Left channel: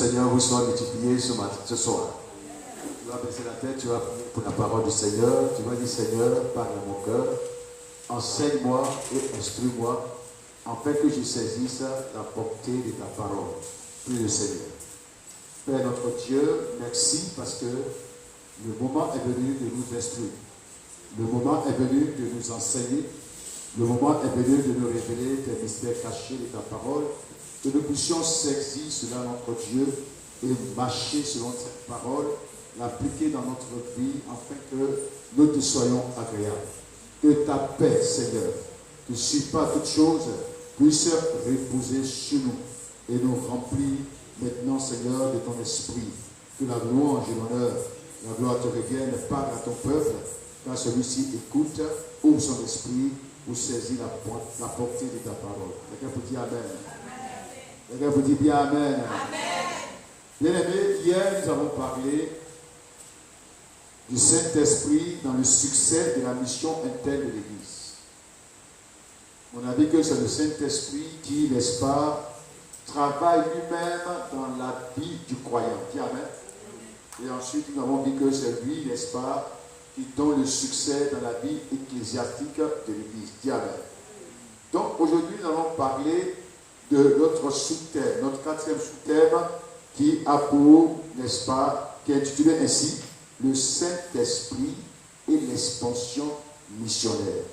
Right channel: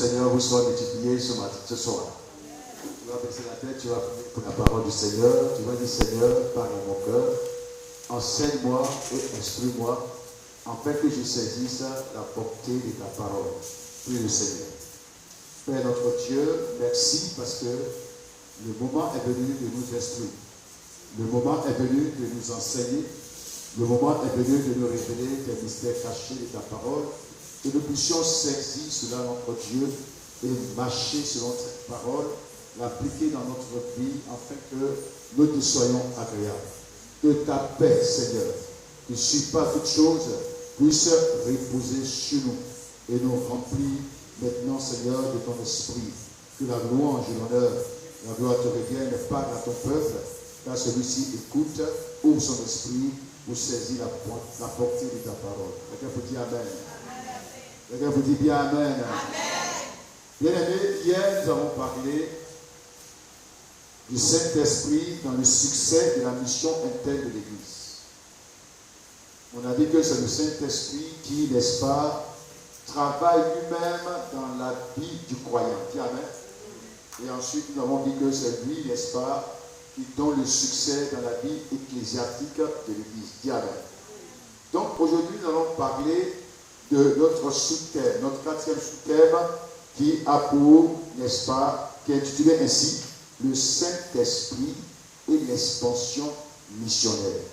Seigneur vous soit multiplié ce soir. Tu vas baisser la tête, tu vas prier pour la parole du Seigneur. Tu vas dire, Seigneur, parle à mon cœur. Enseigne-moi et instruis-moi, afin que je saisisse la portée de ta parole. Prie le Seigneur. Père notre Dieu, merci parce que le moment est venu de nous instruire. Le moment est venu de nous enseigner. Le moment est venu de nous révéler tes mystères cachés de ta parole. Que nous puissions saisir cela notre Dieu et marcher selon cette parole, l'appliquer dans notre vie afin que nous te soyons agréables. Que ta paix, Seigneur, qui ne suit pas toutes choses, puisse reposer sur nous et nous remplir maintenant, Seigneur, de ton esprit. Que la louange et l'honneur, la gloire te reviennent, parle à ton peuple, car celui-ci écoute, ouvre son esprit pour saisir la portée de ta parole. Quelqu'un peut dire Amen. Quelqu'un vous dit bien Amen. Amen. Bien-aimés, hier nous avons parlé du Saint-Esprit dans le succès de la mission interne de l'Église. On a dit que c'est le Saint-Esprit qui, n'est-ce pas, travaille lui-même dans la vie du croyant. Dis Amen. Et ensuite nous avons dit que c'est lui, n'est-ce pas, qui donne le succès dans la vie ecclésiastique de l'Église. Dis Amen. Donc aujourd'hui nous allons parler de notre sous-thème, notre quatrième sous-thème qui a pour, n'est-ce pas, qui est intitulé ainsi, le Saint-Esprit et l'expansion missionnaire.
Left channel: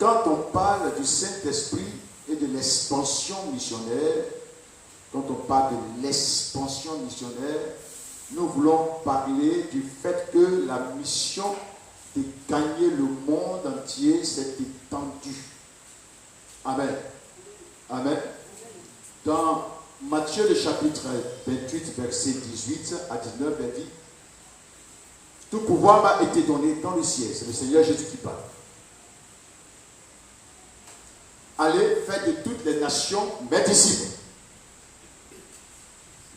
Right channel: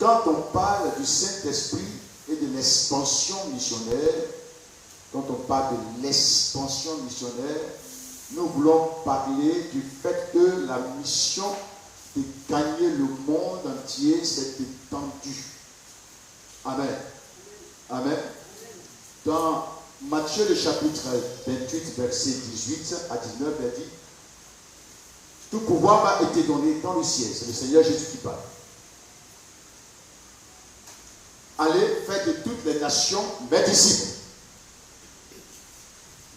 Quand on parle du Saint-Esprit et de l'expansion missionnaire, quand on parle de l'expansion missionnaire, nous voulons parler du fait que la mission de gagner le monde entier s'est étendue. Amen. Amen. Dans Matthieu le chapitre 28, verset 18 à 19, il dit, tout pouvoir m'a été donné dans le ciel. C'est le Seigneur Jésus qui parle. Allez, faites de toutes les nations mes disciples,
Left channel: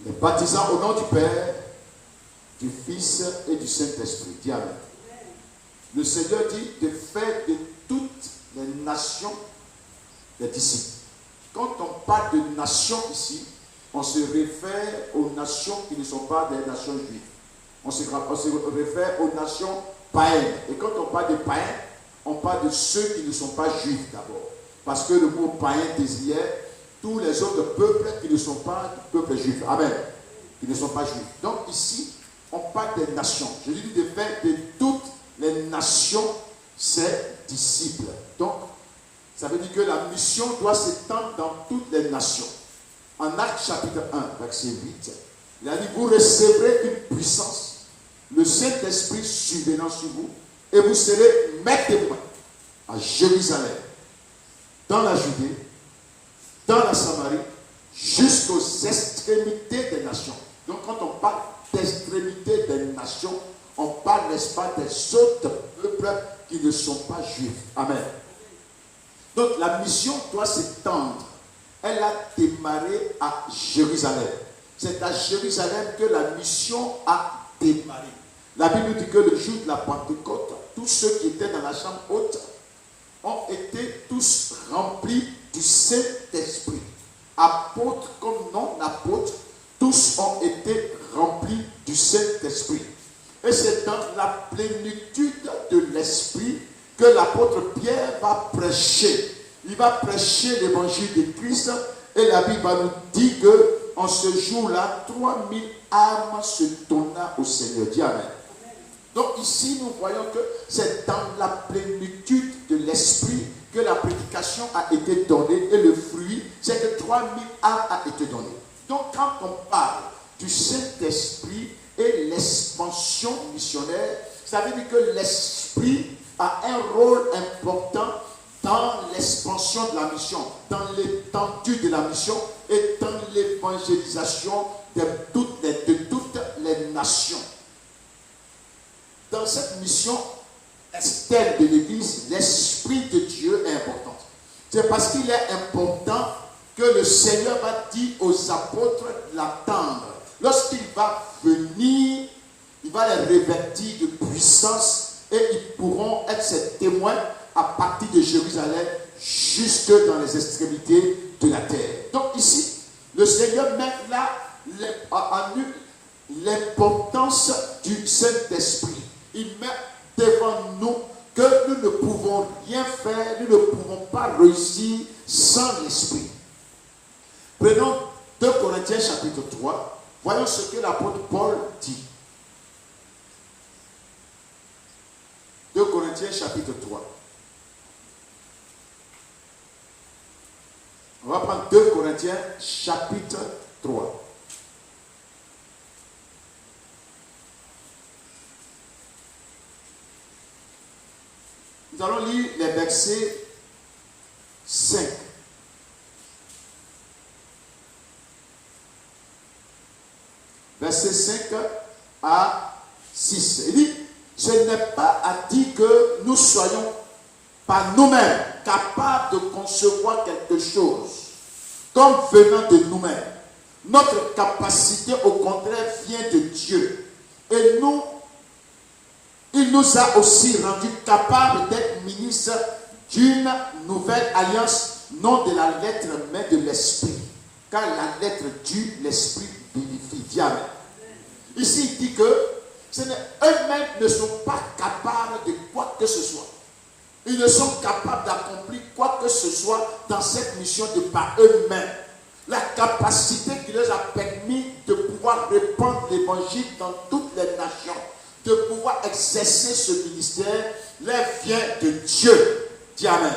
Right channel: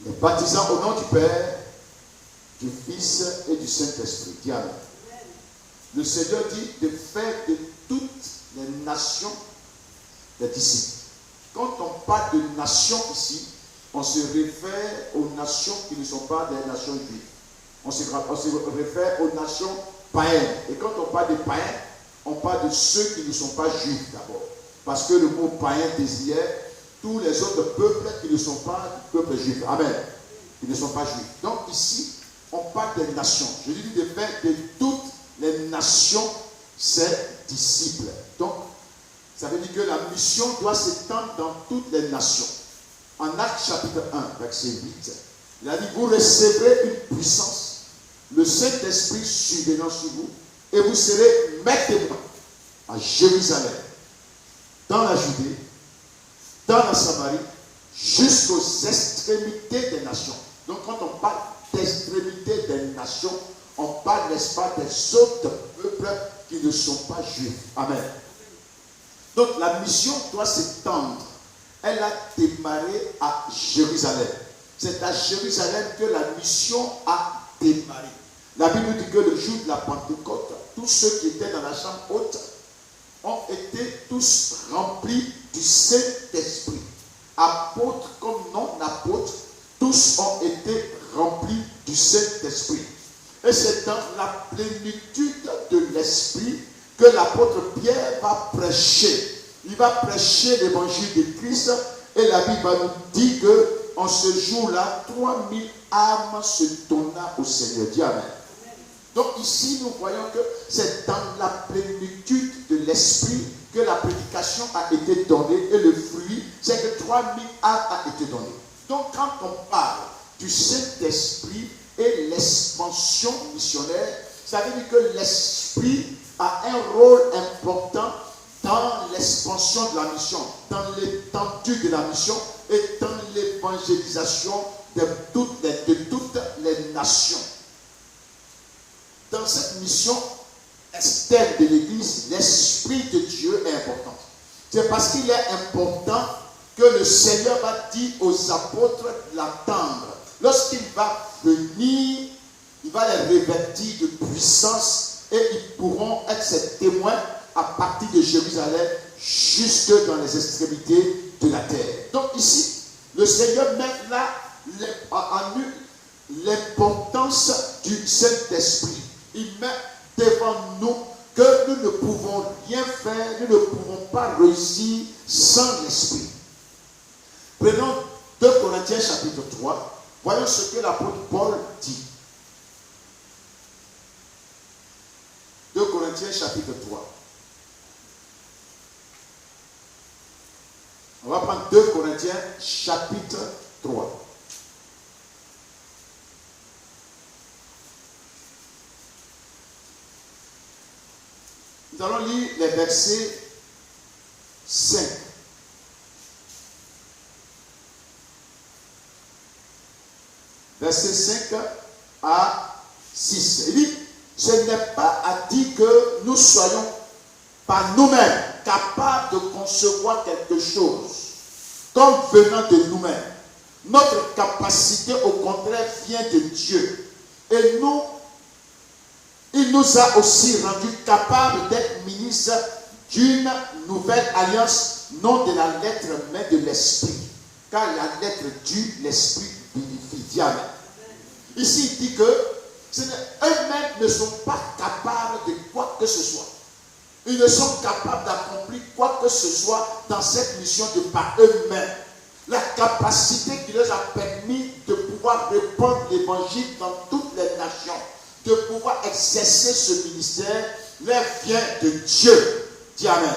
les baptisant au nom du Père, du Fils et du Saint-Esprit. Dis Amen. Le Seigneur dit de faire de toutes les nations des disciples. Quand on parle de nations ici, on se réfère aux nations qui ne sont pas des nations juives. On se réfère aux nations païennes. Et quand on parle de païens, on parle de ceux qui ne sont pas juifs d'abord. Parce que le mot païen désignait tous les autres peuples qui ne sont pas peuples juifs. Amen. Qui ne sont pas juifs. Donc ici, on parle des nations. Je dis de faire de toutes les nations ses disciples. Donc, ça veut dire que la mission doit s'étendre dans toutes les nations. En Actes chapitre 1, verset 8, il a dit, vous recevrez une puissance, le Saint-Esprit survenant sur vous, et vous serez mes témoins à Jérusalem, dans la Judée, dans la Samarie, jusqu'aux extrémités des nations. Donc quand on parle d'extrémités des nations, on parle, n'est-ce pas, des autres peuples qui ne sont pas juifs. Amen. Donc la mission doit s'étendre. Elle a démarré à Jérusalem. C'est à Jérusalem que la mission a démarré. La Bible nous dit que le jour de la Pentecôte, tous ceux qui étaient dans la chambre haute ont été tous remplis du Saint-Esprit. Apôtres comme non-apôtres, tous ont été remplis du Saint-Esprit. Et c'est dans la plénitude de l'Esprit que l'apôtre Pierre va prêcher. Il va prêcher l'évangile de Christ et la Bible nous dit qu'en ce jour-là, 3000 âmes se donna au Seigneur. Dis Amen. Donc ici, nous voyons que c'est dans la plénitude de l'Esprit que la prédication a été donnée et le fruit, c'est que 3000 âmes a été donné. Donc quand on parle du Saint-Esprit et l'expansion missionnaire, ça veut dire que l'Esprit a un rôle important dans l'expansion de la mission, dans l'étendue de la mission et dans l'évangélisation de toutes les nations. Dans cette mission externe de l'Église, l'Esprit de Dieu est important. C'est parce qu'il est important que le Seigneur va dire aux apôtres de l'attendre. Lorsqu'il va venir, il va les revêtir de puissance et ils pourront être ses témoins à partir de Jérusalem jusque dans les extrémités de la terre. Donc ici, le Seigneur met là en nous l'importance du Saint-Esprit. Il met devant nous que nous ne pouvons rien faire, nous ne pouvons pas réussir sans l'Esprit. Prenons 2 Corinthiens chapitre 3. Voyons ce que l'apôtre Paul dit. 2 Corinthiens chapitre 3. On va prendre 2 Corinthiens chapitre 3. Nous allons lire les versets 5. Verset 5 à 6. Il dit, ce n'est pas à dire que nous soyons par nous-mêmes capables de concevoir quelque chose comme venant de nous-mêmes. Notre capacité, au contraire, vient de Dieu. Et il nous a aussi rendus capables d'être ministres d'une nouvelle alliance, non de la lettre, mais de l'esprit. Car la lettre tue, l'esprit vivifie. Diable. Ici, il dit que eux-mêmes ne sont pas capables de quoi que ce soit. Ils ne sont capables d'accomplir quoi que ce soit dans cette mission de par eux-mêmes. La capacité qui leur a permis de pouvoir répandre l'évangile dans toutes les nations, de pouvoir exercer ce ministère, leur vient de Dieu. Dis Amen.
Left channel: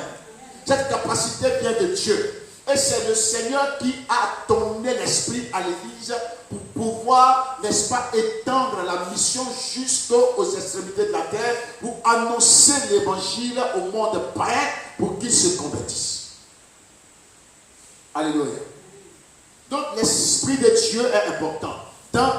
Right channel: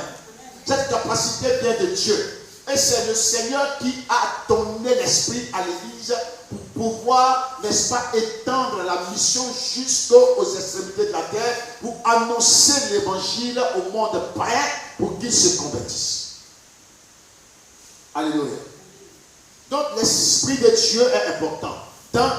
Cette capacité vient de Dieu. Et c'est le Seigneur qui a donné l'Esprit à l'Église pour pouvoir, n'est-ce pas, étendre la mission jusqu'aux extrémités de la terre, pour annoncer l'Évangile au monde païen, pour qu'ils se convertissent. Alléluia. Donc l'Esprit de Dieu est important dans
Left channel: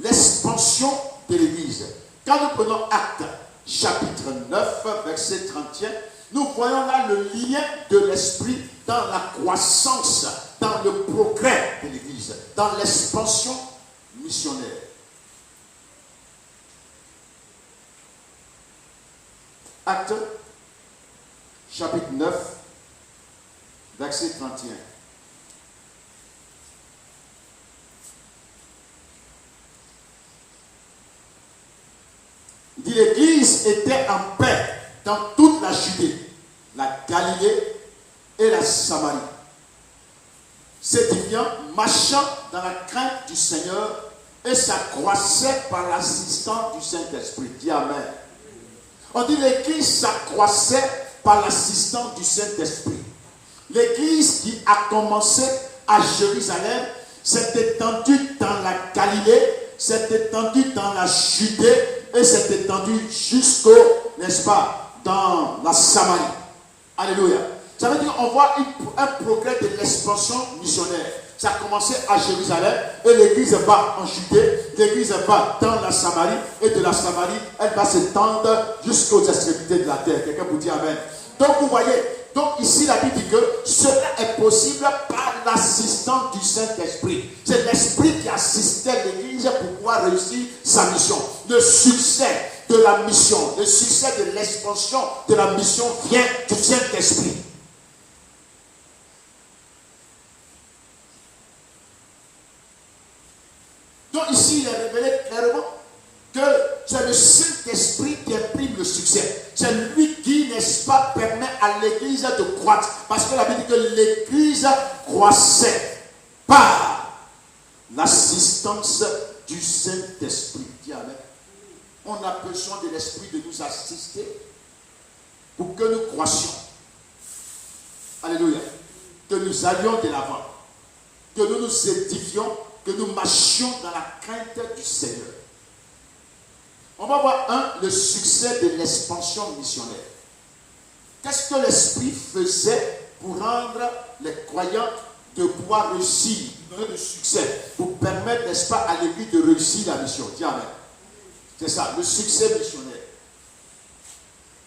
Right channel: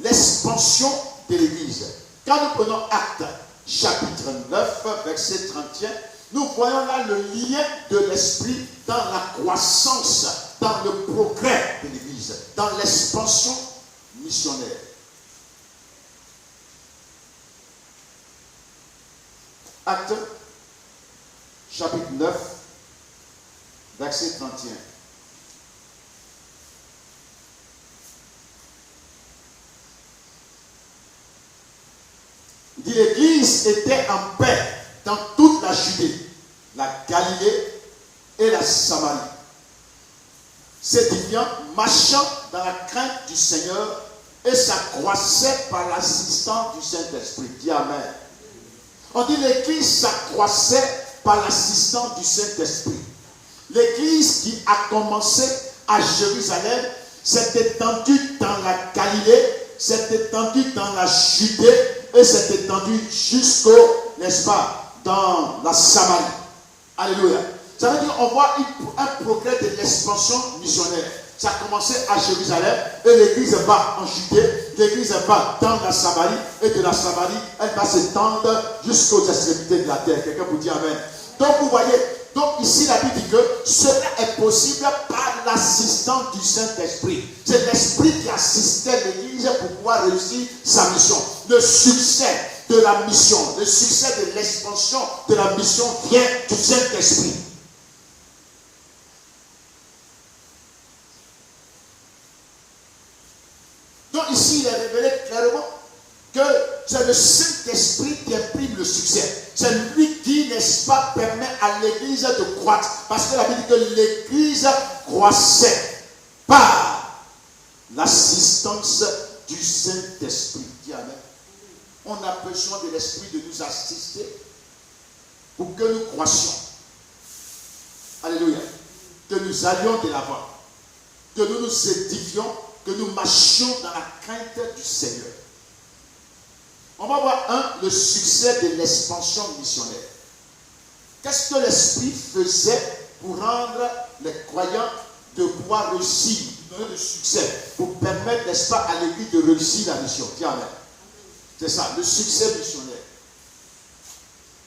l'expansion de l'Église. Quand nous prenons Actes, chapitre 9, verset 31, nous voyons là le lien de l'Esprit dans la croissance, dans le progrès de l'Église, dans l'expansion missionnaire. Actes, chapitre 9, verset 31. Il dit, l'Église était en paix dans toute la Judée, la Galilée et la Samarie, s'édifiant, marchant dans la crainte du Seigneur, et s'accroissait par l'assistance du Saint-Esprit. Dis Amen. On dit l'Église s'accroissait par l'assistance du Saint-Esprit. L'Église qui a commencé à Jérusalem s'est étendue dans la Galilée, s'est étendue dans la Judée et s'est étendue jusqu'au, n'est-ce pas, dans la Samarie. Alléluia. Ça veut dire qu'on voit un progrès de l'expansion missionnaire. Ça a commencé à Jérusalem et l'Église va en Judée, l'Église va dans la Samarie et de la Samarie, elle va s'étendre jusqu'aux extrémités de la terre. Quelqu'un vous dit Amen. Donc vous voyez, donc ici la Bible dit que cela est possible par l'assistance du Saint-Esprit. C'est l'Esprit qui assistait l'Église pour pouvoir réussir sa mission. Le succès de la mission, le succès de l'expansion de la mission vient du Saint-Esprit. Donc ici, il est révélé clairement que c'est le Saint-Esprit qui imprime le succès. C'est lui qui, n'est-ce pas, permet à l'Église de croître. Parce que la Bible dit que l'Église croissait par l'assistance du Saint-Esprit. Amen. On a besoin de l'Esprit de nous assister pour que nous croissions. Alléluia. Que nous allions de l'avant. Que nous nous édifions, que nous marchions dans la crainte du Seigneur. On va voir le succès de l'expansion missionnaire. Qu'est-ce que l'Esprit faisait pour rendre les croyants de pouvoir réussir, donner le succès, pour permettre, n'est-ce pas, à l'Église de réussir la mission. Dis Amen. C'est ça, le succès missionnaire.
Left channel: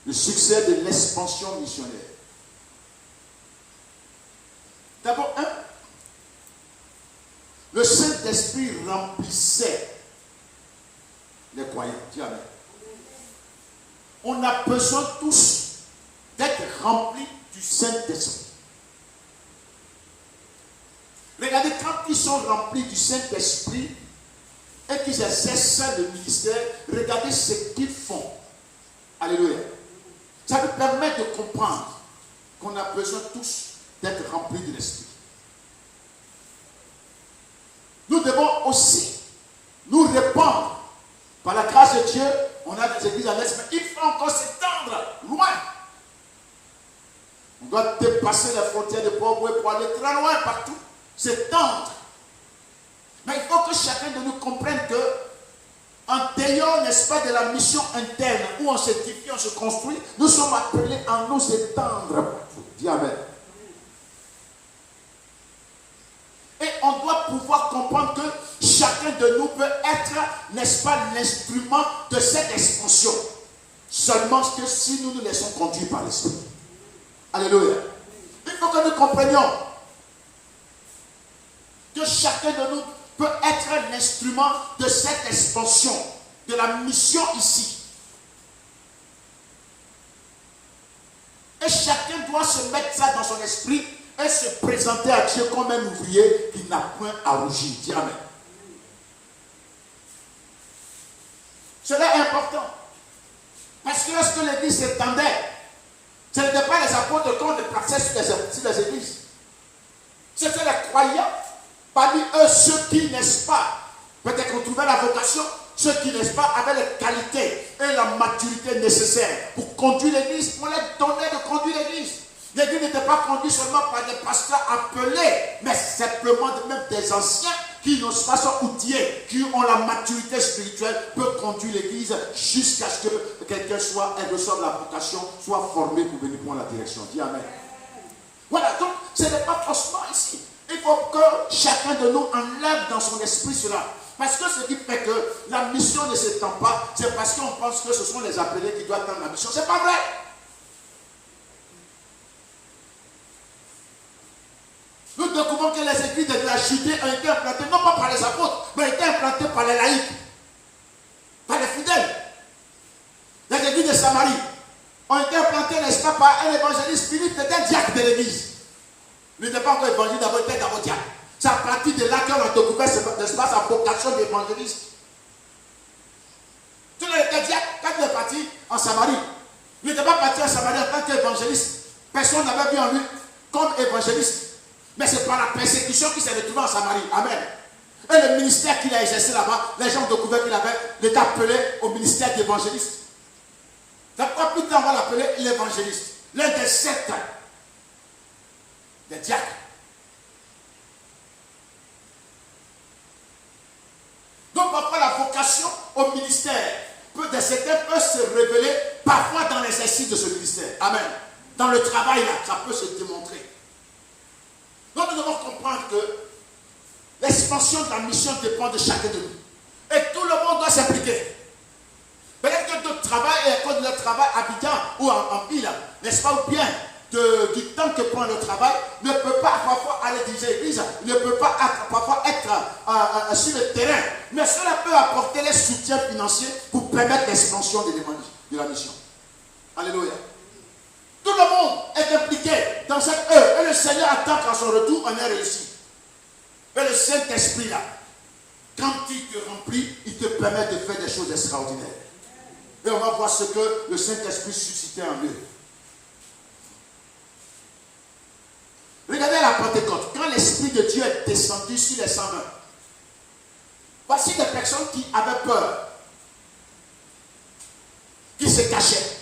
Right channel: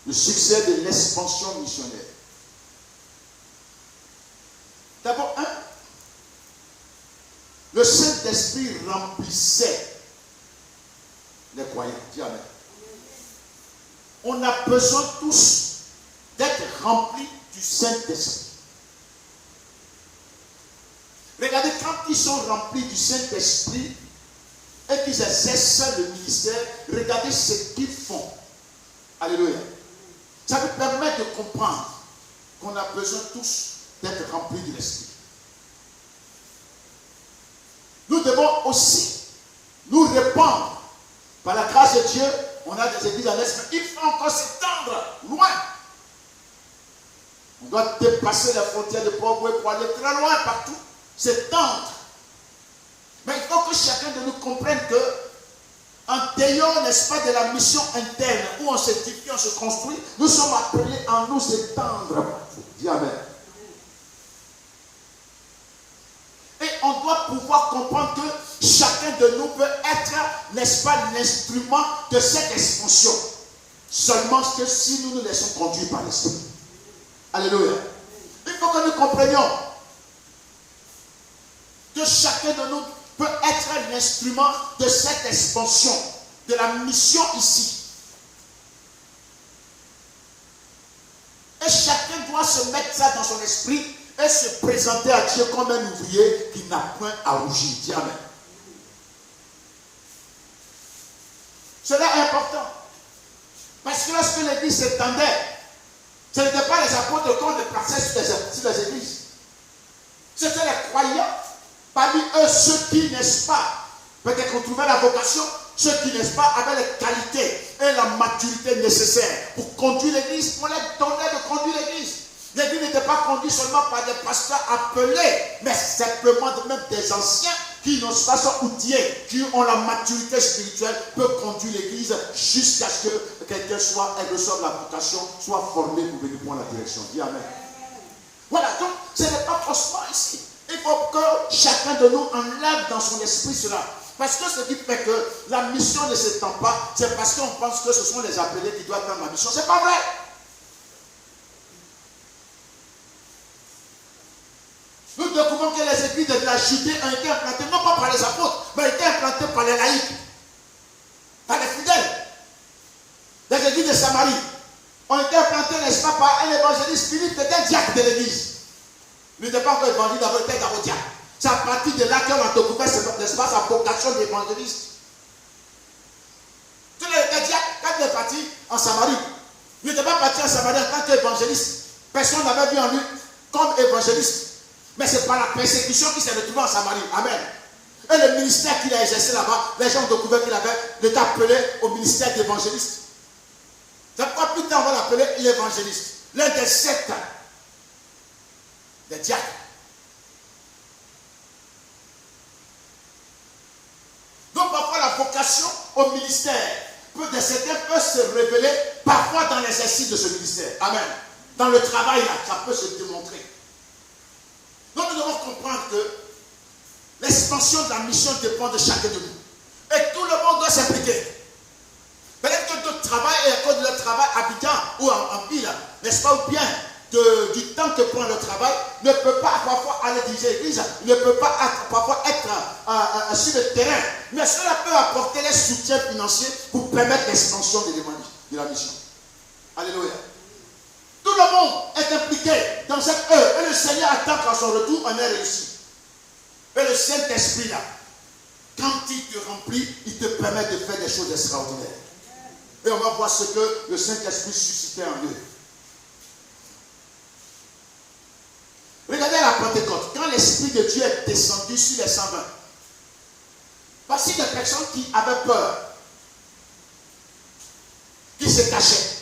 Le succès de l'expansion missionnaire. D'abord, le Saint-Esprit remplissait les croyants. Dis Amen. On a besoin tous d'être remplis du Saint-Esprit. Regardez, quand ils sont remplis du Saint-Esprit et qu'ils exercent le ministère, regardez ce qu'ils font. Alléluia. Ça nous permet de comprendre qu'on a besoin tous d'être remplis de l'Esprit. Nous devons aussi nous répandre. Par la grâce de Dieu, on a des églises à l'Est, mais il faut encore s'étendre loin. On doit dépasser la frontière de pauvreté pour aller très loin partout. S'étendre. Mais il faut que chacun de nous comprenne que en dehors, n'est-ce pas, de la mission interne où on s'édifie, on se construit, nous sommes appelés à nous étendre partout. Dis Amen. Et on doit pouvoir comprendre que chacun de nous peut être, n'est-ce pas, l'instrument de cette expansion. Seulement que si nous nous laissons conduire par l'Esprit. Alléluia. Il faut que nous comprenions que chacun de nous peut être l'instrument de cette expansion, de la mission ici. Et chacun doit se mettre ça dans son esprit et se présenter à Dieu comme un ouvrier qui n'a point à rougir. Dis Amen. Cela est important. Parce que lorsque l'église s'étendait, ce n'était pas les apôtres qui ont déplacé sur les églises. C'était les croyants. Parmi eux, ceux qui, n'est-ce pas, peut-être qu'on trouvait la vocation, ceux qui, n'est-ce pas, avaient les qualités et la maturité nécessaires pour conduire l'église, on les donnait de conduire l'église. L'église n'était pas conduite seulement par des pasteurs appelés, mais simplement même des anciens qui n'ont pas sont outillés, qui ont la maturité spirituelle, peuvent conduire l'église jusqu'à ce que quelqu'un soit, elle reçoive la vocation, soit formé pour venir prendre la direction. Dis Amen. Voilà, donc ce n'est pas forcément ici. Il faut que chacun de nous enlève dans son esprit cela. Parce que ce qui fait que la mission ne s'étend pas, c'est parce qu'on pense que ce sont les appelés qui doivent prendre la mission. Ce n'est pas vrai. Nous découvrons que les églises de la Judée ont été implantées, non pas par les apôtres, mais ont été implantées par les laïcs, par les fidèles. Les églises de Samarie ont été implantées, n'est-ce pas, par un évangéliste. Philippe était diacre de l'église. Il n'était pas encore évangile, d'abord il était d'abord diacre. C'est à partir de là qu'on a découvert, n'est-ce pas, sa vocation d'évangéliste. Tout le monde était diacre quand il est parti en Samarie. Il n'était pas parti en Samarie en tant qu'évangéliste. Personne n'avait vu en lui comme évangéliste. Mais c'est par la persécution qu'il s'est retrouvé en Samarie. Amen. Et le ministère qu'il a exercé là-bas, les gens ont découvert qu'il avait été appelé au ministère d'évangéliste. C'est pourquoi plus tard on va l'appeler l'évangéliste. L'un des sept des diacres. Donc parfois la vocation au ministère de certains peut se révéler parfois dans l'exercice de ce ministère. Amen. Dans le travail là, ça peut se démontrer. Donc nous devons comprendre que l'expansion de la mission dépend de chacun de nous. Et tout le monde doit s'impliquer. Peut-être que notre travail est à cause de notre travail habitant ou en ville, n'est-ce pas, ou bien du temps que prend le travail, ne peut pas parfois aller diriger l'église, ne peut pas parfois être sur le terrain. Mais cela peut apporter les soutiens financiers pour permettre l'expansion de la mission. Alléluia. Tout le monde est impliqué dans cette œuvre. Et le Seigneur attend qu'à son retour, on ait réussi. Et le Saint-Esprit là, quand il te remplit, il te permet de faire des choses extraordinaires. Et on va voir ce que le Saint-Esprit suscitait en eux. Regardez la Pentecôte. Quand l'Esprit de Dieu est descendu sur les 120, voici des personnes qui avaient peur, qui se cachaient.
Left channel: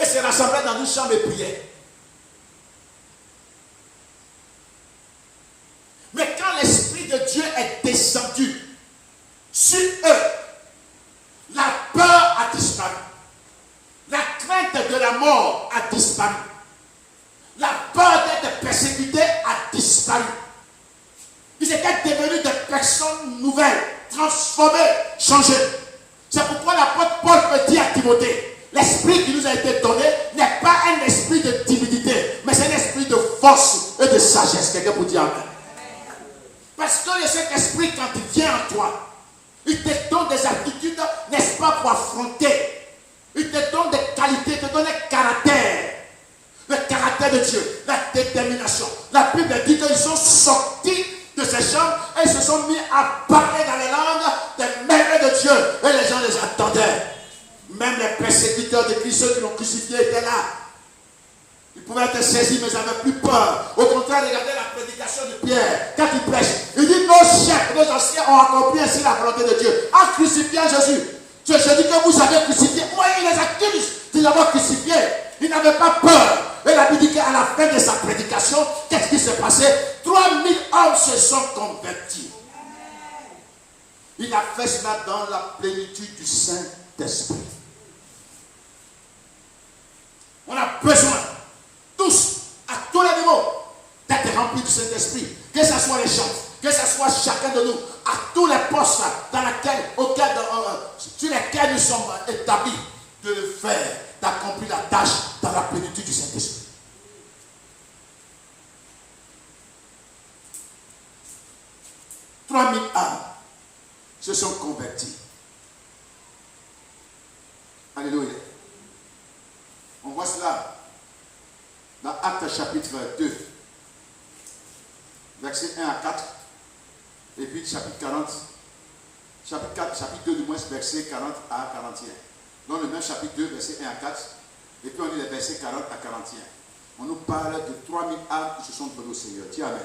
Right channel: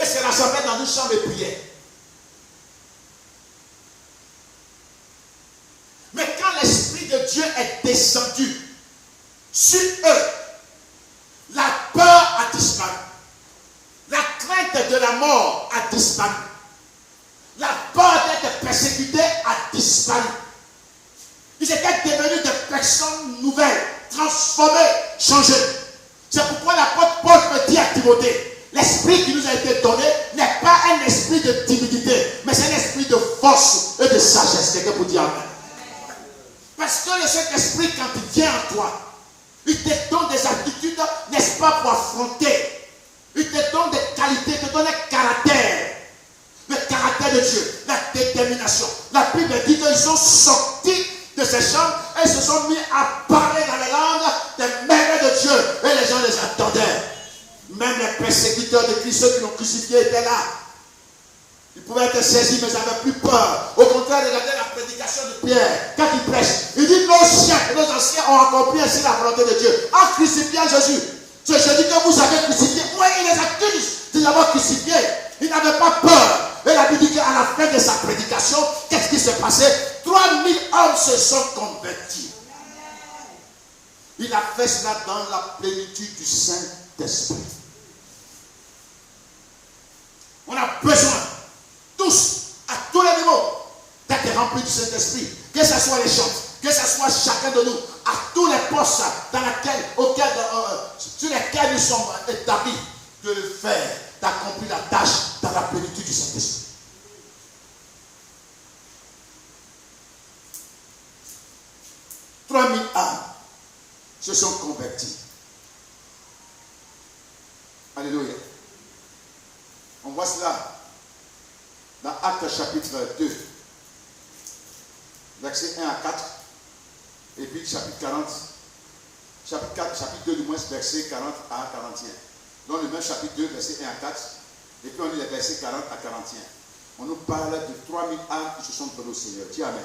Et se rassemblaient dans une chambre de prière. Mais quand l'Esprit de Dieu est descendu sur eux, la peur a disparu. La crainte de la mort a disparu. La peur d'être persécuté a disparu. Ils étaient devenus des personnes nouvelles, transformées, changées. C'est pourquoi l'apôtre Paul peut dire à Timothée, l'esprit qui nous a été donné n'est pas un esprit de timidité, mais c'est un esprit de force et de sagesse. Quelqu'un pour dire amen. Parce que le Saint-Esprit, quand il vient en toi, il te donne des aptitudes, n'est-ce pas, pour affronter. Il te donne des qualités, il te donne un caractère. Le caractère caractère de Dieu, la détermination. La Bible dit qu'ils sont sortis de ces chambres et se sont mis à parler dans les langues des merveilles de Dieu. Et les gens les attendaient. Même les persécuteurs de Christ, ceux qui l'ont crucifié, étaient là. Ils pouvaient être saisis, mais ils n'avaient plus peur. Au contraire, regardez la prédication de Pierre. Quand il prêche, il dit nos chefs, nos anciens ont accompli ainsi la volonté de Dieu en crucifiant Jésus. Je dis que vous avez crucifié. Moi, il les accuse de l'avoir crucifié. Ils n'avaient pas peur. Et la Bible dit qu'à la fin de sa prédication, qu'est-ce qui s'est passé? 3000 hommes se sont convertis. Il a fait cela dans la plénitude du Saint-Esprit. On a besoin, tous, à tous les niveaux, d'être remplis du Saint-Esprit. Que ce soit les chants, que ce soit chacun de nous, à tous les postes sur lesquels nous sommes établis, de le faire, d'accomplir la tâche dans la plénitude du Saint-Esprit. « 3000 âmes se sont convertis. » Alléluia. On voit cela dans Actes chapitre 2, versets 1 à 4, et puis chapitre 40, chapitre 2 du moins, versets 40 à 41. Dans le même chapitre 2, versets 1 à 4, et puis on lit les versets 40 à 41. On nous parle de 3000 âmes qui se sont données au Seigneur. Dis Amen.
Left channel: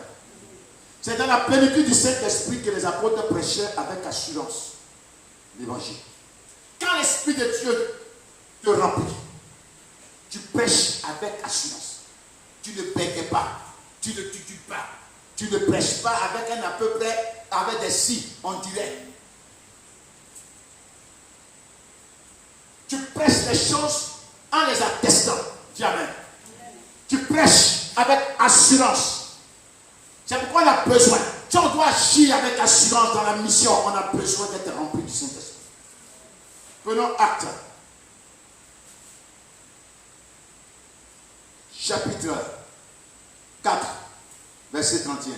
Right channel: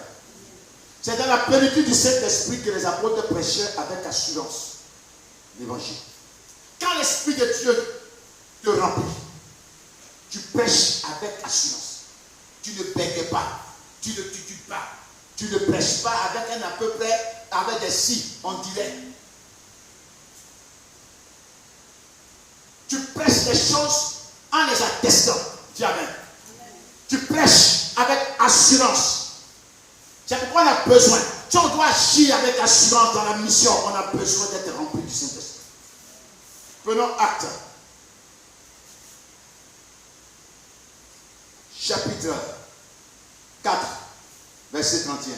C'est dans la plénitude du Saint-Esprit que les apôtres prêchaient avec assurance l'évangile. Quand l'Esprit de Dieu te remplit, tu prêches avec assurance. Tu ne bègues pas, tu ne titules pas, tu ne prêches pas avec un à peu près, avec des si, on dirait. Tu prêches les choses en les attestant. Dis Amen. Tu prêches avec assurance. C'est pourquoi on a besoin. Si on doit agir avec assurance dans la mission, on a besoin d'être rempli du Saint-Esprit. Prenons acte. Chapitre 4, verset 31.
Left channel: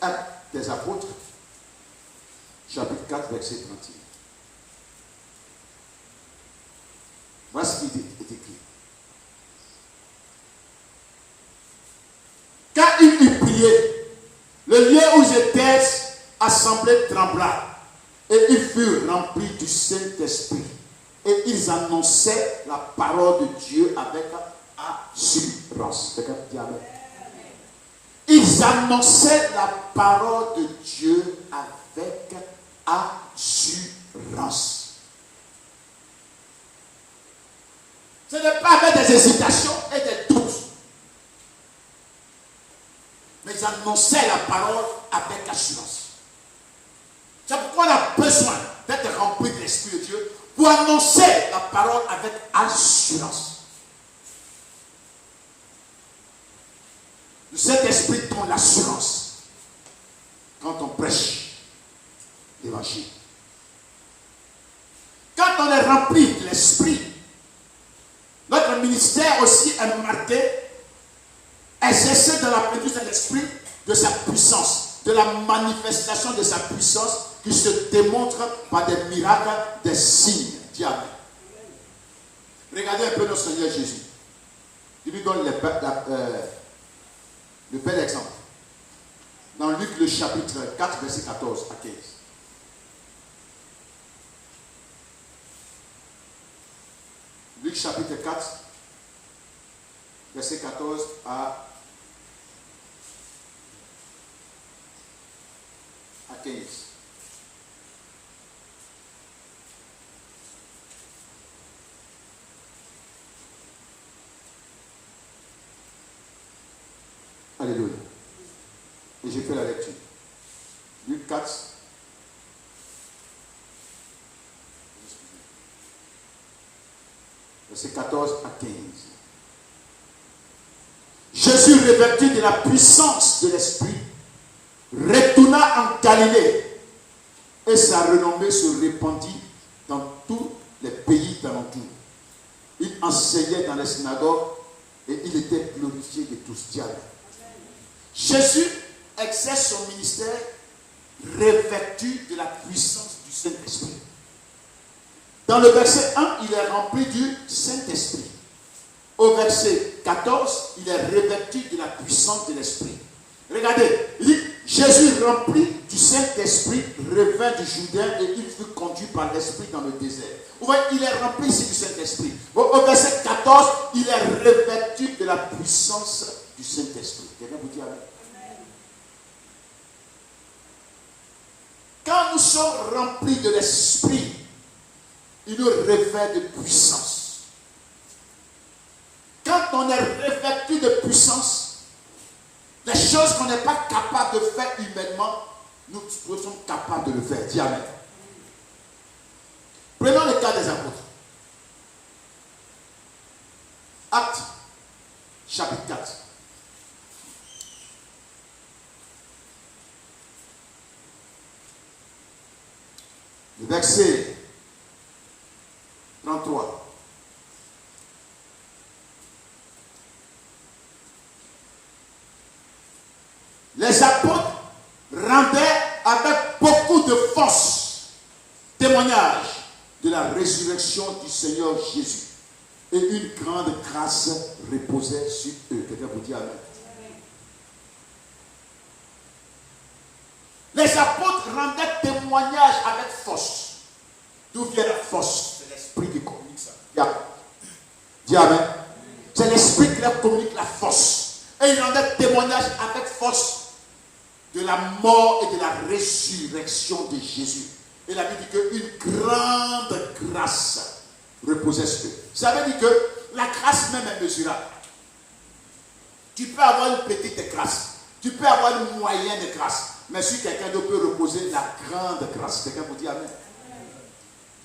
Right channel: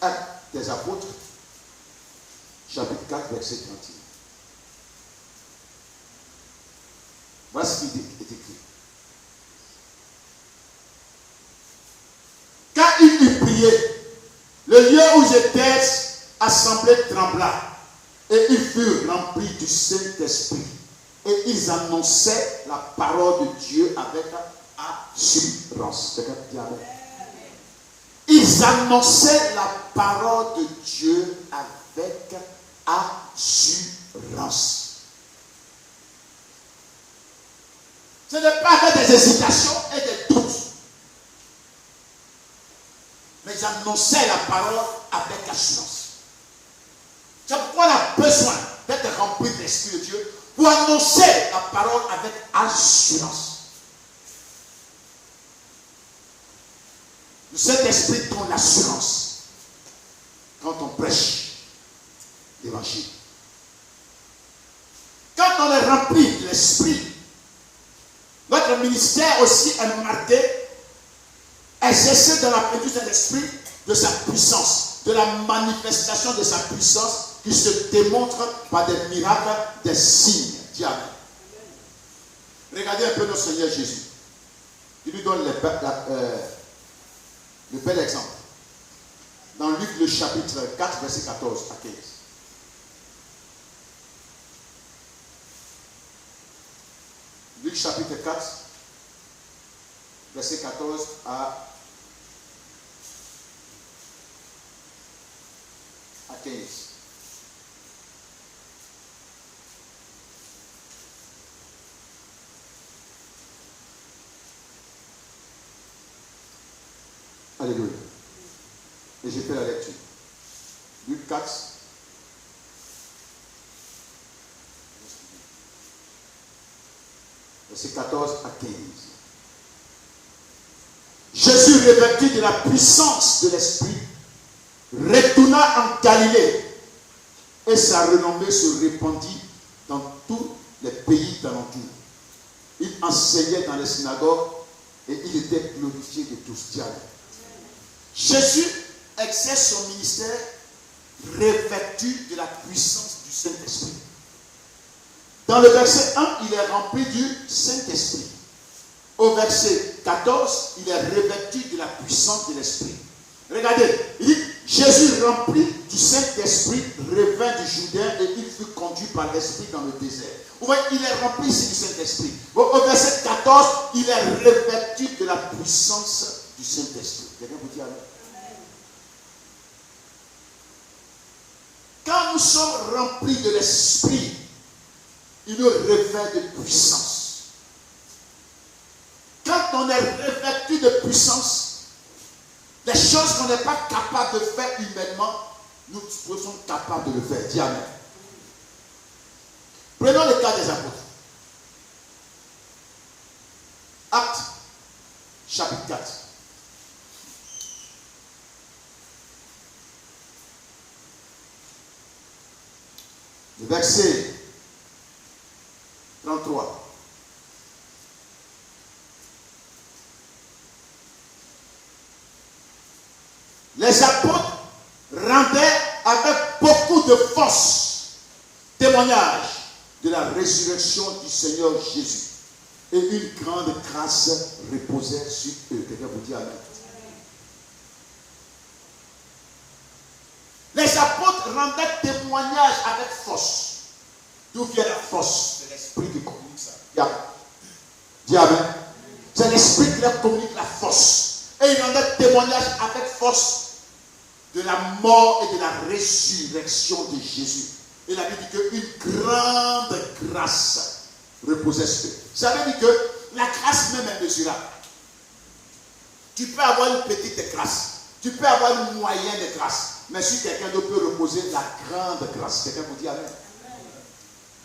Acte des apôtres, chapitre 4, verset 31. Voilà ce qui est écrit. Quand il eut prié, le lieu où j'étais assemblé trembla, et ils furent remplis du Saint-Esprit. Et ils annonçaient la parole de Dieu avec assurance. Ils annonçaient la parole de Dieu avec assurance. Ce n'est pas avec des hésitations et des doutes. Mais ils annonçaient la parole avec assurance. C'est pourquoi on a besoin d'être rempli de l'Esprit de Dieu pour annoncer la parole avec assurance. Le Saint-Esprit donne l'assurance quand on prêche l'évangile. Quand on est rempli de l'Esprit, notre ministère aussi est marqué, exercé dans la plénitude de l'Esprit, de sa puissance, de la manifestation de sa puissance qui se démontre par des miracles, des signes. Dis Amen. Regardez un peu notre Seigneur Jésus. Il lui donne le bel exemple. Dans Luc le chapitre 4, verset 14 à 15. Luc chapitre 4, verset 14 à 15. Alléluia. Et j'ai fait la lecture. Luc 4. Verset 14 à 15. Jésus, revêtu de la puissance de l'Esprit, retourna en Galilée et sa renommée se répandit dans tous les pays d'alentour. Il enseignait dans les synagogues et il était glorifié de tous. Diable. Jésus exerce son ministère revêtu de la puissance du Saint-Esprit. Dans le verset 1, il est rempli du Saint-Esprit. Au verset 14, il est revêtu de la puissance de l'Esprit. Regardez, il dit, Jésus rempli du Saint-Esprit revint du Jourdain et il fut conduit par l'Esprit dans le désert. Vous voyez, il est rempli ici du Saint-Esprit. Au verset 14, il est revêtu de la puissance du Saint-Esprit. Quelqu'un vous dit Amen. Quand nous sommes remplis de l'Esprit, il nous revêt de puissance. Quand on est revêtu de puissance, les choses qu'on n'est pas capable de faire humainement, nous sommes capables de le faire. Dis Amen. Prenons le cas des apôtres. Actes, chapitre 4. Le verset 33. Les apôtres rendaient avec beaucoup de force témoignage de la résurrection du Seigneur Jésus. Et une grande grâce reposait sur eux. Quelqu'un vous dit Amen. Les apôtres rendaient témoignage avec force. D'où vient la force? C'est l'esprit qui communique ça. Dis Amen. C'est l'esprit qui leur communique la force. Et ils rendaient témoignage avec force de la mort et de la résurrection de Jésus. Et la Bible dit qu'une grande grâce reposait sur eux. Ça veut dire que la grâce même est mesurable. Tu peux avoir une petite grâce. Tu peux avoir une moyenne de grâce. Mais si quelqu'un d'autre peut reposer la grande grâce, quelqu'un vous dit Amen.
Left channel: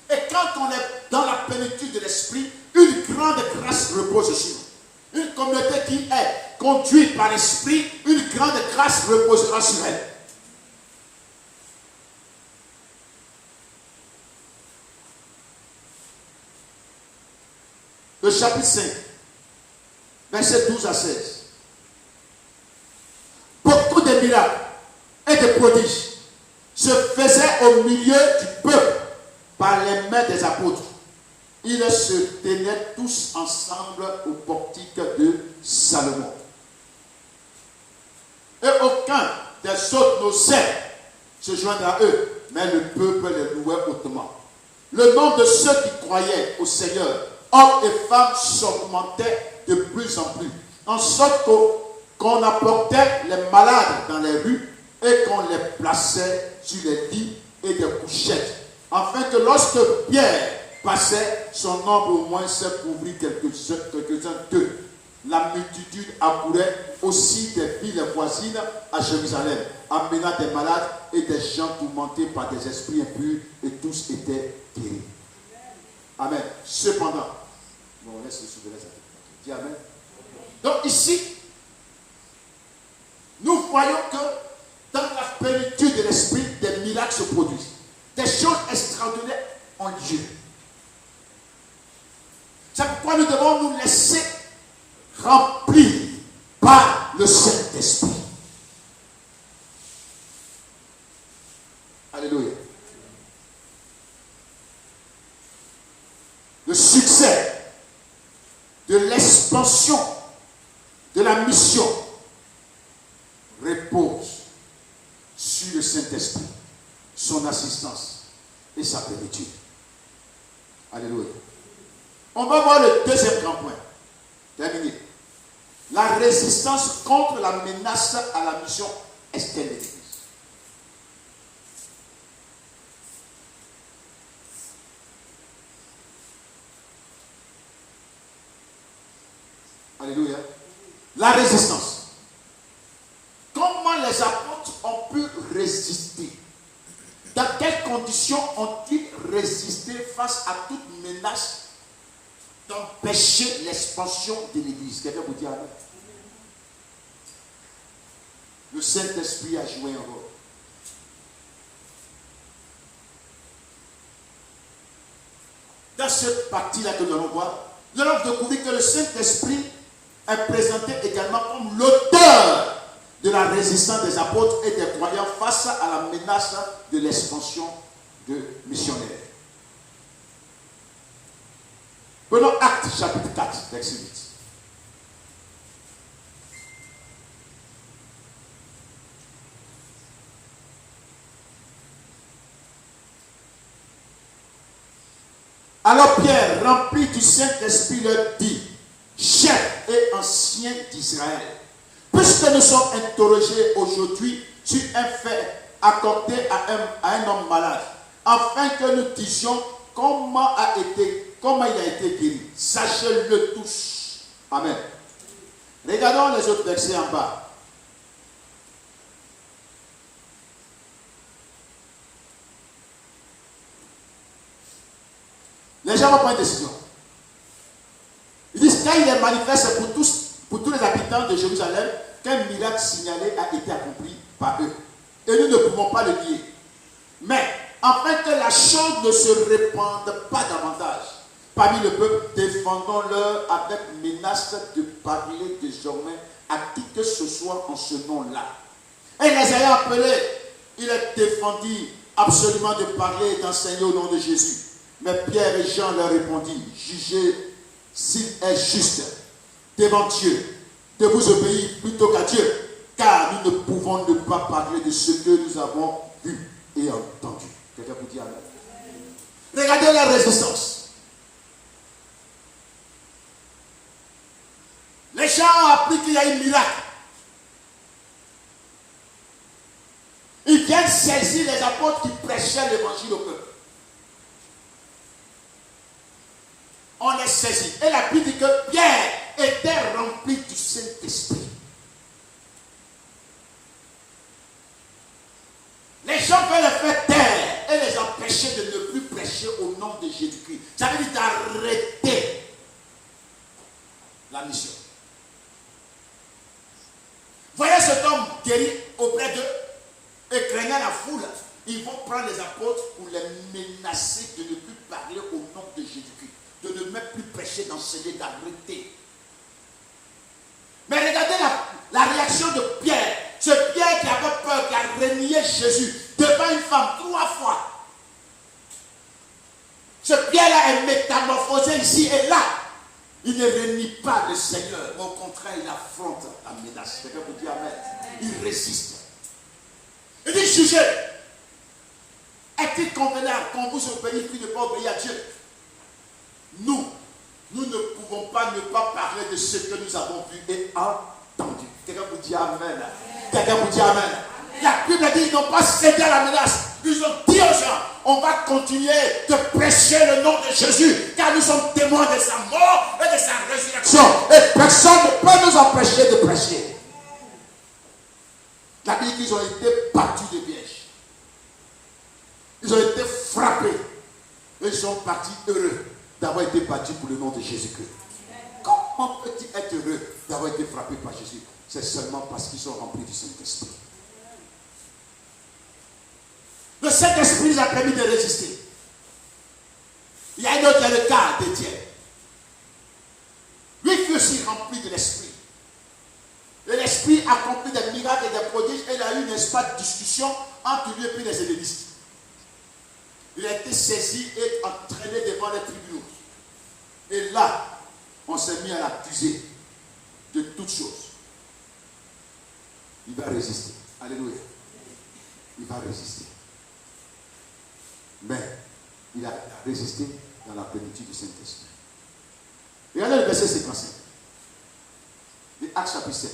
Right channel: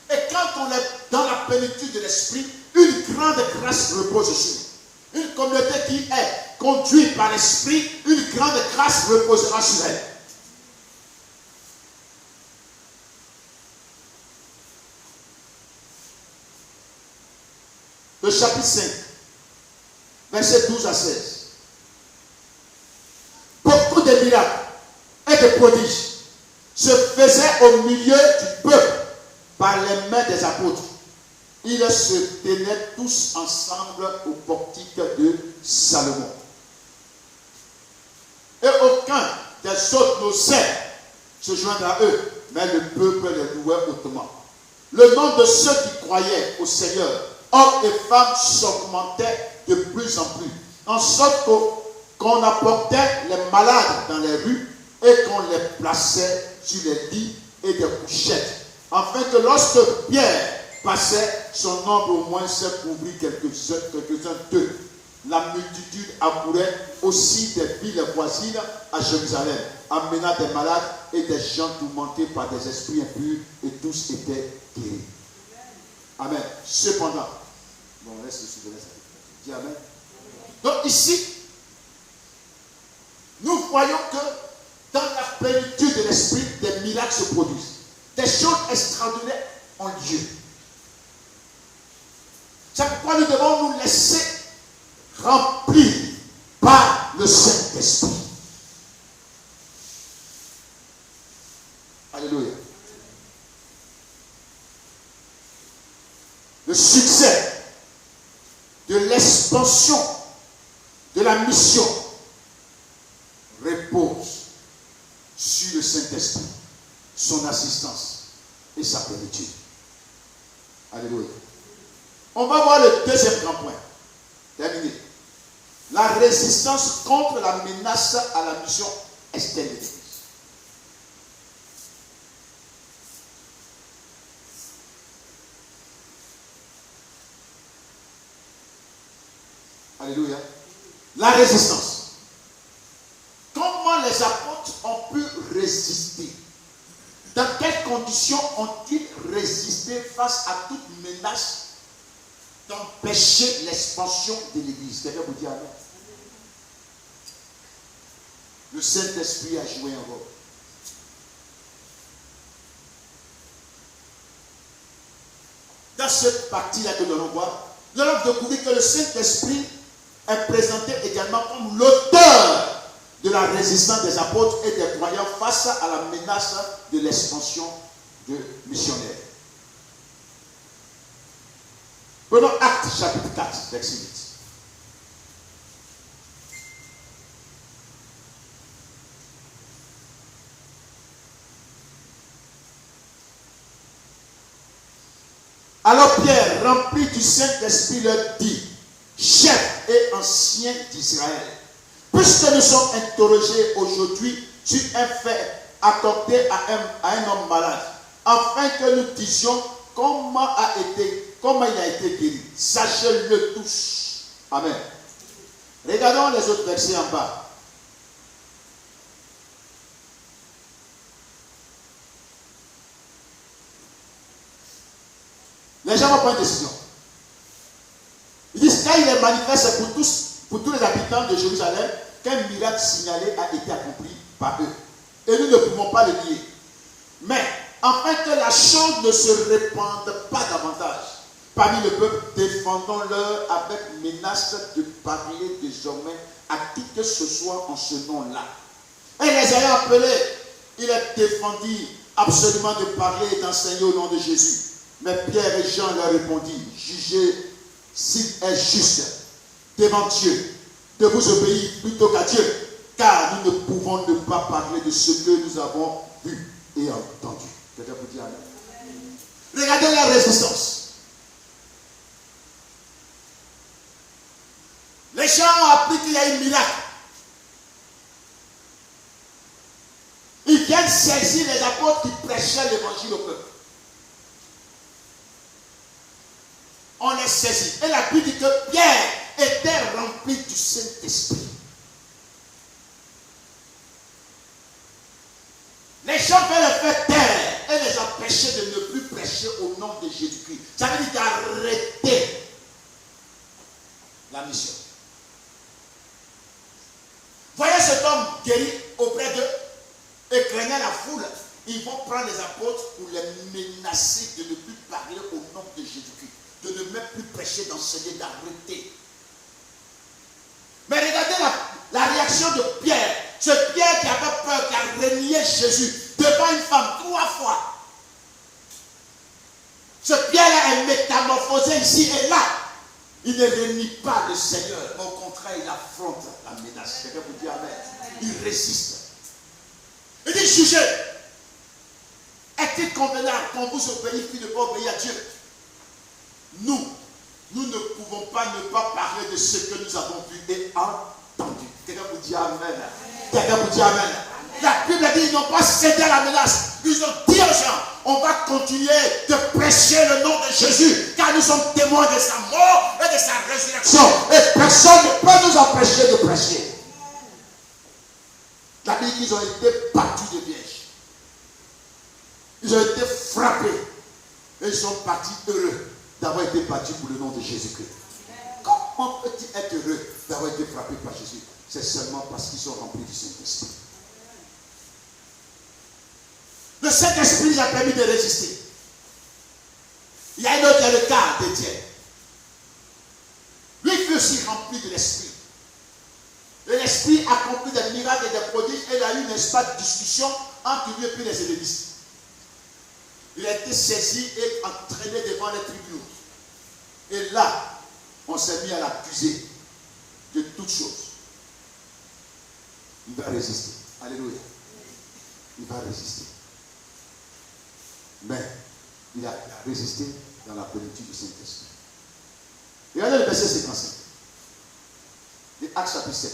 Et quand on est dans la plénitude de l'esprit, une grande grâce repose sur nous. Une communauté qui est conduite par l'esprit, une grande grâce reposera sur elle. Le chapitre 5, versets 12 à 16. Beaucoup de miracles et de prodiges se faisaient au milieu du peuple par les mains des apôtres. Ils se tenaient tous ensemble au portique de Salomon. Et aucun des autres n'osait se joindre à eux, mais le peuple les louait hautement. Le nombre de ceux qui croyaient au Seigneur, hommes et femmes, s'augmentait de plus en plus, en sorte qu'on apportait les malades dans les rues et qu'on les plaçait sur les lits et des couchettes, afin que lorsque Pierre passait, son nombre au moins se couvrit quelques-uns d'eux. La multitude accourait aussi des villes voisines à Jérusalem, amenant des malades et des gens tourmentés par des esprits impurs, et tous étaient guéris. Amen. Cependant, bon, on laisse le suivre. Dis Amen. Donc ici, nous voyons que dans la plénitude de l'esprit, des miracles se produisent. Des choses extraordinaires ont lieu. C'est pourquoi nous devons nous laisser remplir par le Saint-Esprit. Alléluia. Le succès de l'expansion de la mission repose sur le Saint-Esprit, son assistance et sa plénitude. Alléluia. On va voir le deuxième grand point. Terminé. La résistance contre la menace à la mission externe de l'Église. Alléluia. La résistance. Comment les apôtres ont pu résister? Dans quelles conditions ont-ils résisté face à toute menace d'empêcher l'expansion de l'Église? Quelqu'un vous dit Amen. Le Saint-Esprit a joué un rôle. Dans cette partie-là que nous allons voir, nous allons découvrir que le Saint-Esprit est présenté également comme l'auteur de la résistance des apôtres et des croyants face à la menace de l'expansion de missionnaires. Prenons Actes chapitre 4, verset 8. Alors Pierre, rempli du Saint-Esprit, leur dit, chefs et anciens d'Israël, puisque nous sommes interrogés aujourd'hui sur un fait accordé à un homme malade, afin que nous disions comment il a été guéri. Sachez-le tous. Amen. Regardons les autres versets en bas. Les gens vont prendre une décision. Ils disent quand il est manifeste pour tous les habitants de Jérusalem qu'un miracle signalé a été accompli par eux. Et nous ne pouvons pas le nier. Mais afin que la chose ne se répande pas davantage parmi le peuple, défendons-leur avec menace de parler désormais à qui que ce soit en ce nom-là. Et les ayant appelés, il est défendu absolument de parler et d'enseigner au nom de Jésus. Mais Pierre et Jean leur répondirent, jugez s'il est juste devant Dieu de vous obéir plutôt qu'à Dieu, car nous ne pouvons ne pas parler de ce que nous avons vu et entendu. Quelqu'un peut dire amen. Regardez la résistance. Les gens ont appris qu'il y a un miracle. Ils viennent saisir les apôtres qui prêchaient l'évangile au peuple. On les saisit. Et la Bible dit que Pierre était rempli du Saint-Esprit. Les gens veulent le faire taire et les empêcher de ne plus prêcher au nom de Jésus-Christ. Ça veut dire d'arrêter la mission. Voyez cet homme guéri auprès d'eux et craignant la foule. Ils vont prendre les apôtres pour les menacer de ne plus parler au nom de Jésus-Christ. De ne même plus prêcher, d'enseigner, d'arrêter. Mais regardez la réaction de Pierre. Ce Pierre qui avait peur, qui a renié Jésus devant une femme 3 fois. Ce Pierre-là est métamorphosé ici et là. Il ne renie pas le Seigneur. Au contraire, il affronte la menace. Quelqu'un peut dire amen. Il résiste. Il dit, jugez. Est-il convenable qu'on vous obéisse puis ne pas obéir à Dieu? Nous ne pouvons pas ne pas parler de ce que nous avons vu et entendu. Quelqu'un peut dire amen. Quelqu'un peut dire amen. La Bible dit, ils n'ont pas cédé à la menace. Ils ont dit aux gens, on va continuer de prêcher le nom de Jésus, car nous sommes témoins de sa mort et de sa résurrection. Et personne ne peut nous empêcher de prêcher. La Bible dit qu'ils ont été battus de pièges. Ils ont été frappés. Et ils sont partis heureux d'avoir été battus pour le nom de Jésus-Christ. Comment peut-il être heureux d'avoir été frappé par Jésus? C'est seulement parce qu'ils sont remplis du Saint-Esprit. Le Saint-Esprit nous a permis de résister. Il y a un autre qui a le cas d'Étienne. Lui fut aussi rempli de l'Esprit. Et l'Esprit accomplit des miracles et des prodiges. Et il a eu une espèce de discussion entre lui et puis les hellénistes. Il a été saisi et entraîné devant les tribunaux. Et là, on s'est mis à l'accuser de toutes choses. Il va résister. Alléluia. Il va résister. Mais il a résisté dans la plénitude du Saint-Esprit. Regardez le verset 55. De Actes chapitre 7.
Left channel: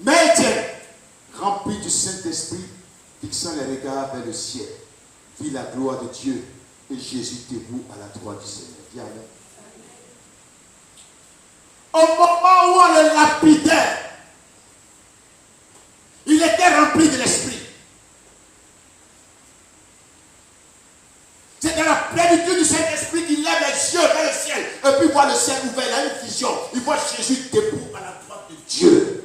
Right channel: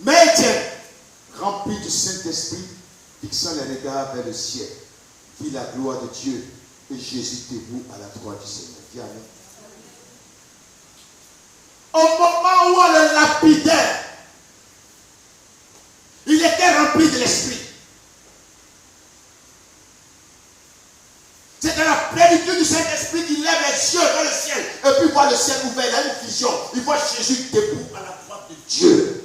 Mais Étienne, rempli du Saint-Esprit, fixant les regards vers le ciel, vit la gloire de Dieu et Jésus debout à la droite du Seigneur. Dis amen. Au moment où on le lapidait, il était rempli de l'Esprit. C'est dans la plénitude du Saint-Esprit qu'il lève les yeux vers le ciel et puis voit le ciel ouvert. Il a une vision. Il voit Jésus debout à la droite de Dieu.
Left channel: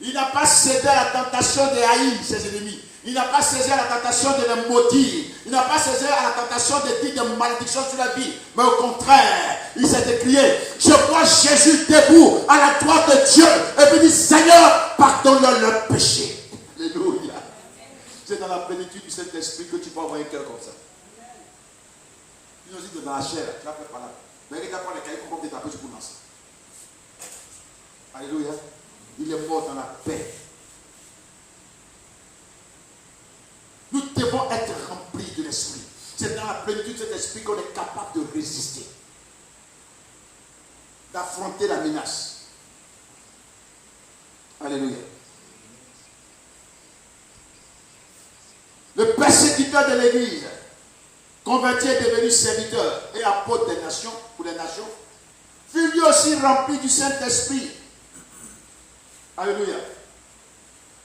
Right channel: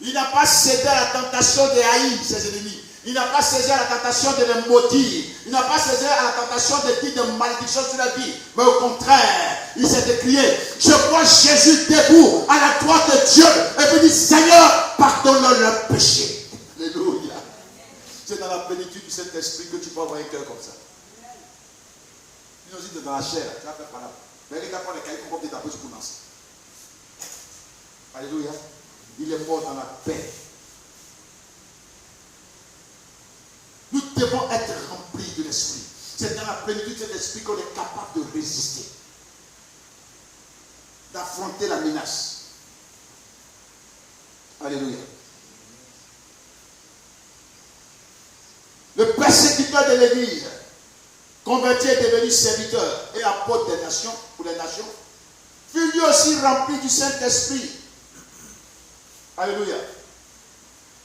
Il n'a pas cédé à la tentation de haïr ses ennemis. Il n'a pas cédé à la tentation de les maudire. Il n'a pas cédé à la tentation de dire des malédictions sur la vie. Mais au contraire, il s'est écrié, je vois Jésus debout à la droite de Dieu. Et puis il dit, Seigneur, pardonne-leur pardonne leurs péchés. Alléluia. C'est dans la plénitude du Saint-Esprit que tu peux avoir un cœur comme ça. Nous aussi, dans la chair, tu vas faire par là. Mais regarde pas les cailloux comme des tapés sur ton ancien. Alléluia. Il est mort dans la paix. Nous devons être remplis de l'Esprit. C'est dans la plénitude de cet esprit qu'on est capable de résister, d'affronter la menace. Alléluia. Le persécuteur de l'Église, converti et devenu serviteur et apôtre des nations, pour les nations, fut lui aussi rempli du Saint-Esprit. Alléluia.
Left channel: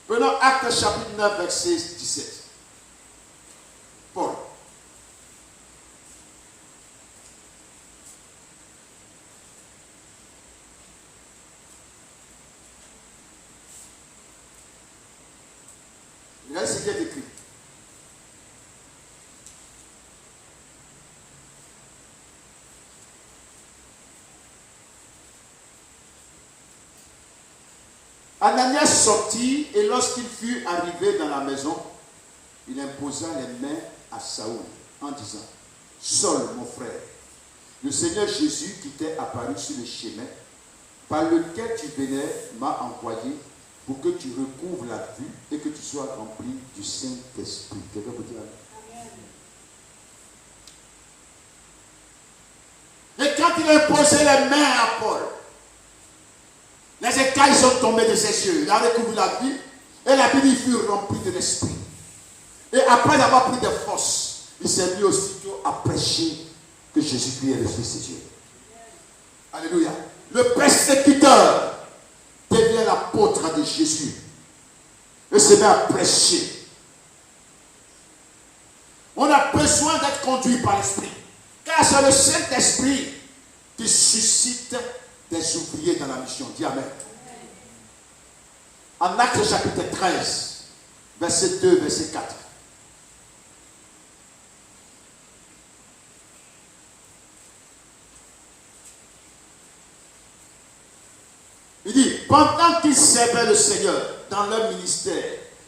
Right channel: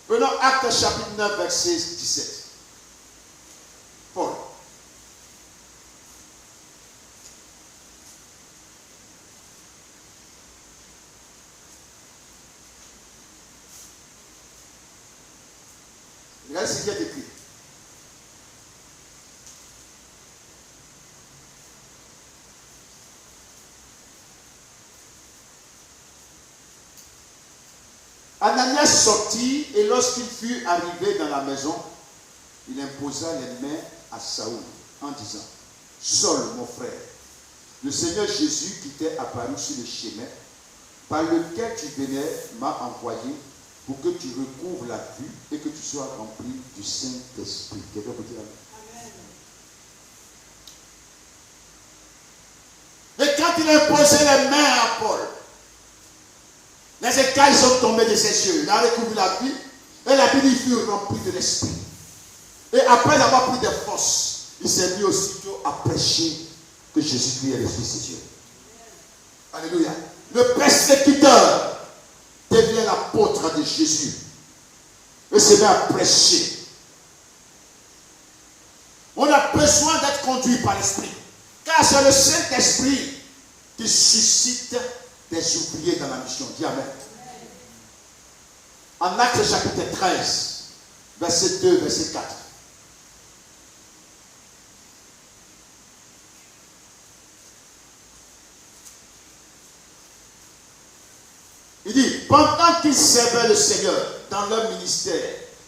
Prenons Actes chapitre 9, verset 17. Paul. Regardez ce qui est écrit. Ananias sortit et lorsqu'il fut arrivé dans la maison, il imposa les mains à Saül en disant: Saul, mon frère, le Seigneur Jésus qui t'est apparu sur le chemin par lequel tu venais m'a envoyé pour que tu recouvres la vue et que tu sois rempli du Saint-Esprit. Quelqu'un peut dire amen. Et quand il a imposé les mains à Paul, les écailles sont tombées de ses yeux. Il a recouvert la vue et la Bible fut remplie de l'Esprit. Et après avoir pris des forces, il s'est mis aussitôt à prêcher que Jésus-Christ est le Fils de Dieu. Alléluia. Le persécuteur devient l'apôtre de Jésus et se met à prêcher. On a besoin d'être conduit par l'Esprit, car c'est le Saint-Esprit qui suscite des ouvriers dans la mission. Dis amen. En Actes chapitre 13, verset 2, verset 4. Il dit, pendant qu'ils servaient le Seigneur dans leur ministère,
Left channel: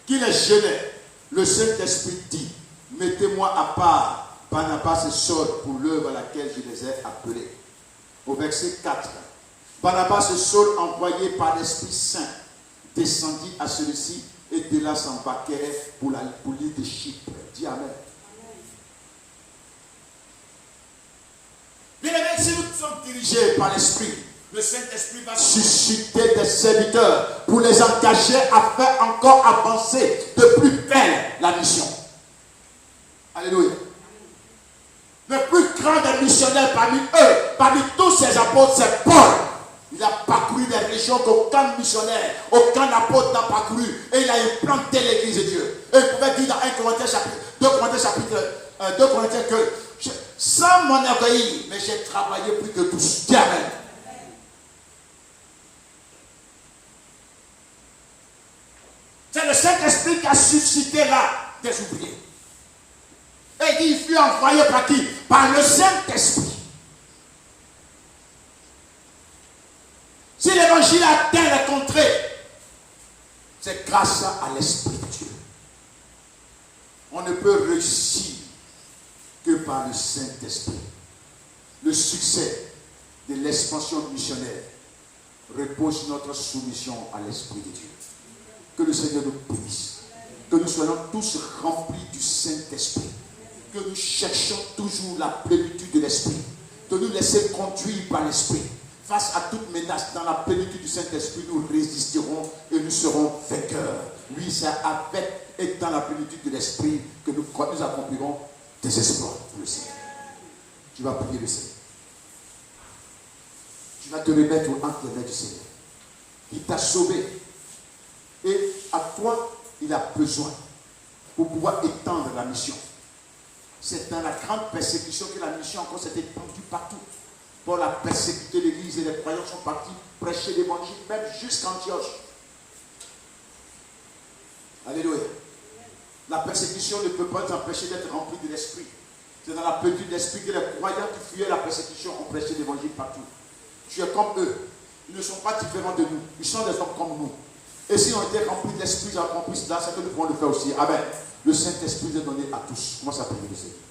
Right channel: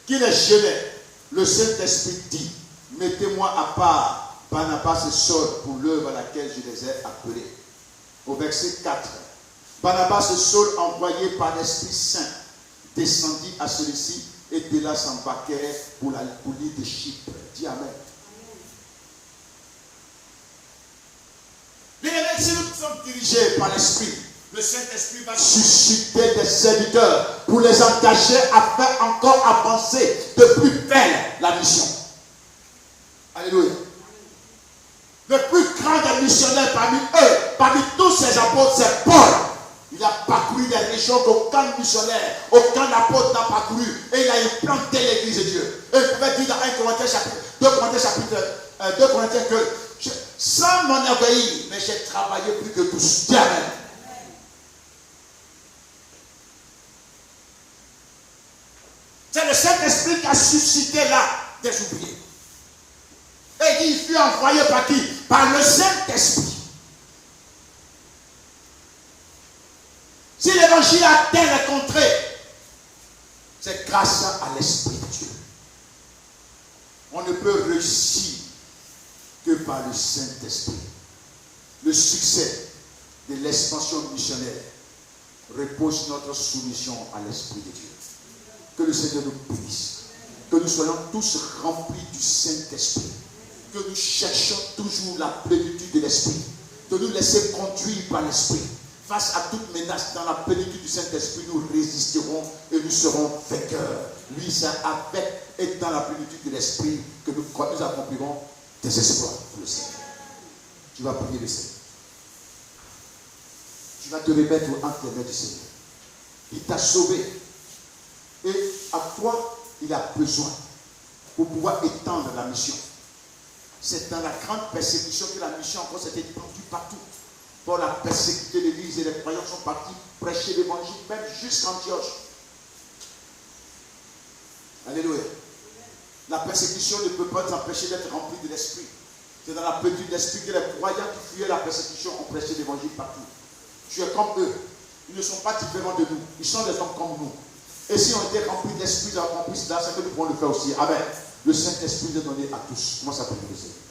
qu'ils les gênaient, le Saint-Esprit dit, mettez-moi à part Barnabas et Saul pour l'œuvre à laquelle je les ai appelés. Au verset 4, Barnabas et Saul, envoyés par l'Esprit Saint, descendit à celui-ci et de là s'embarquèrent pour l'île de Chypre. Dis amen. Bien aimés, si nous sommes dirigés par l'Esprit, le Saint-Esprit va susciter des serviteurs pour les engager à faire encore avancer de plus belle la mission. Alléluia. Le plus grand des missionnaires parmi eux, parmi tous ces apôtres, c'est Paul. Il a parcouru des régions qu'aucun missionnaire, aucun apôtre n'a parcouru. Et il a implanté l'église de Dieu. Et il pouvait dire dans 2 Corinthiens que sans m'enorgueillir, mais j'ai travaillé plus que tous. Dis amen. C'est le Saint-Esprit qui a suscité là des ouvriers. Et il fut envoyé par qui? Par le Saint-Esprit. Si l'évangile atteint les contrées, c'est grâce à l'Esprit de Dieu. On ne peut réussir que par le Saint-Esprit. Le succès de l'expansion missionnaire repose sur notre soumission à l'Esprit de Dieu. Que le Seigneur nous bénisse. Que nous soyons tous remplis du Saint-Esprit. Que nous cherchions toujours la plénitude de l'Esprit. De nous laisser conduire par l'Esprit. Face à toute menace, dans la plénitude du Saint-Esprit, nous résisterons et nous serons vainqueurs. Lui, c'est avec et dans la plénitude de l'Esprit que nous accomplirons des exploits pour le Seigneur. Tu vas prier le Seigneur. Tu vas te remettre entre les mains du Seigneur. Il t'a sauvé. Et à toi, il a besoin pour pouvoir étendre la mission. C'est dans la grande persécution que la mission encore s'est étendue partout. Paul a persécuté l'église et les croyants sont partis prêcher l'évangile, même jusqu'à Antioche. Alléluia. La persécution ne peut pas t'empêcher d'être rempli de l'esprit. C'est dans la plénitude de l'esprit que les croyants qui fuyaient la persécution ont prêché l'évangile partout. Tu es comme eux. Ils ne sont pas différents de nous. Ils sont des hommes comme nous. Et si on était rempli de l'Esprit, rempli cela, c'est que nous pouvons le faire aussi. Amen. Le Saint-Esprit est donné à tous. Comment ça peut le Seigneur?